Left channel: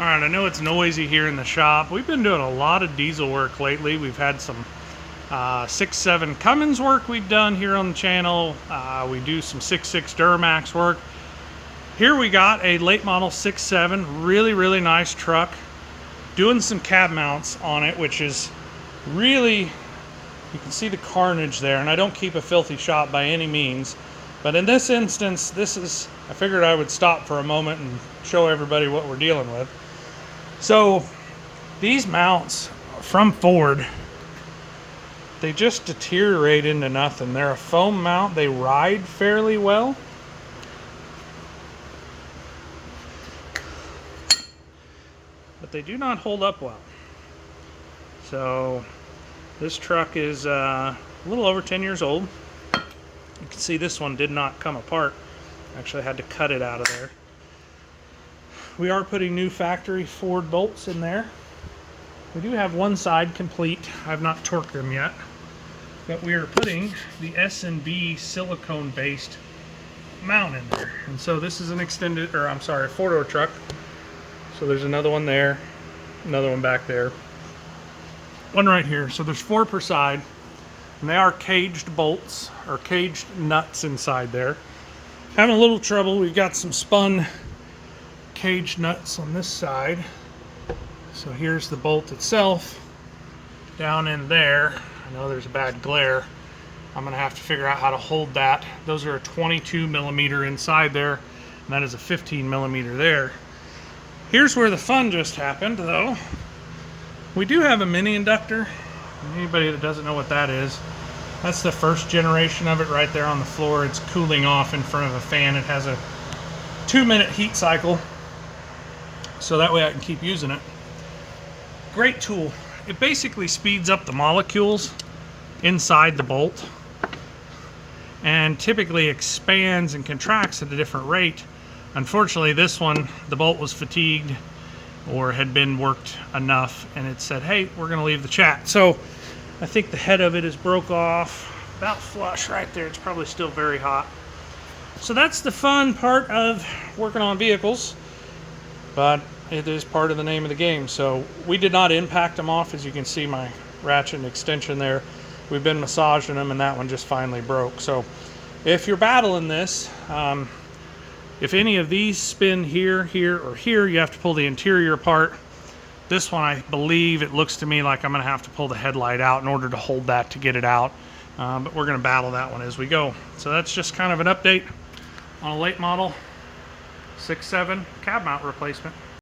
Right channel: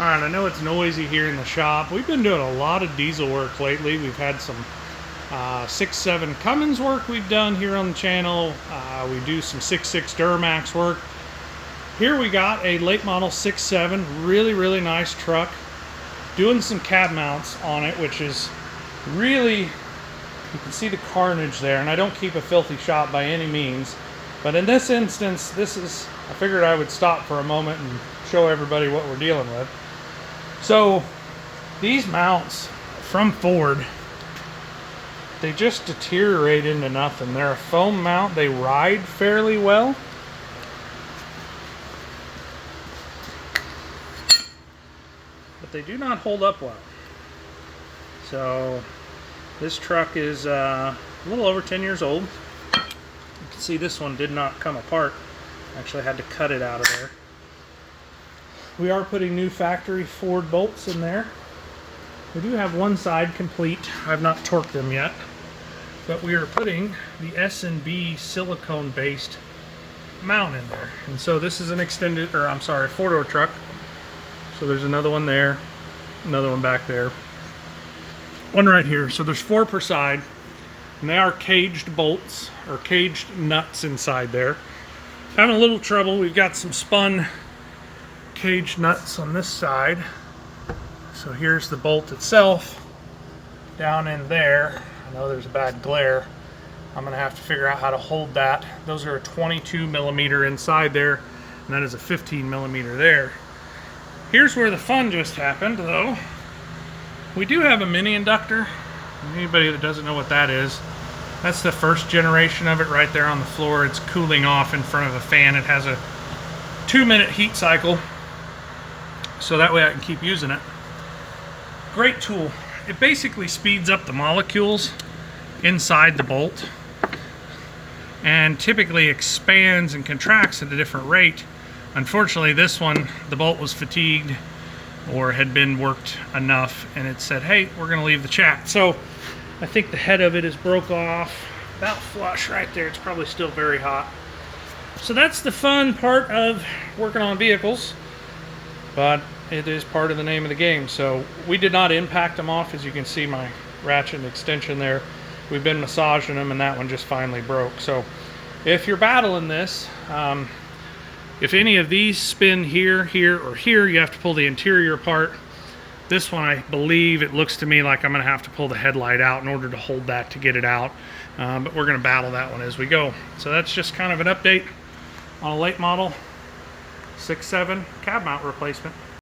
All right, I know it's noisy here in the shop. We've been doing a lot of diesel work lately. We've had some 6.7 Cummins work we've done here on the channel. We do some 6.6 Duramax work. Here we got a late model 6.7, really nice truck. Doing some cab mounts on it, which is really, you can see the carnage there, and I don't keep a filthy shop by any means. But in this instance, I figured I would stop for a moment and show everybody what we're dealing with. So these mounts from Ford, they just deteriorate into nothing. They're a foam mount. They ride fairly well. But they do not hold up well. So this truck is a little over 10 years old. You can see this one did not come apart. Actually, I had to cut it out of there. We are putting new factory Ford bolts in there. We do have one side complete. I've not torqued them yet. But we are putting the S&B silicone-based mount in there. And so this is an extended, or I'm sorry, a four-door truck. So there's another one there, another one back there, one right here. So there's 4 per side, and they are caged bolts, or caged nuts inside there. Having a little trouble. We've got some spun cage nuts on this side. So here's the bolt itself down in there. I know there's a bad glare. I'm gonna have to figure out how to hold that. Those are a 22 millimeter inside there, and that is a 15 millimeter there. Here's where the fun just happened though. We do have a mini inductor. Anybody that doesn't know what that is, that's the first generation of it right there on the floor. It's cooling off in front of a fan. It has a 2-minute heat cycle, so that way I can keep using it. Great tool. It basically speeds up the molecules inside the bolt and typically expands and contracts at a different rate. Unfortunately, this one, the bolt was fatigued or had been worked enough, and it said, hey, we're gonna leave the chat. So I think the head of it is broke off about flush right there. It's probably still very hot. So that's the fun part of working on vehicles, but it is part of the name of the game. So we did not impact them off. As you can see, my ratchet and extension there, we've been massaging them, and that one just finally broke. So if you're battling this, if any of these spin here, or here, you have to pull the interior apart. This one, I believe, it looks to me like I'm gonna have to pull the headlight out in order to hold that to get it out. But we're gonna battle that one as we go. So that's just kind of an update on a late model 6.7 cab mount replacement.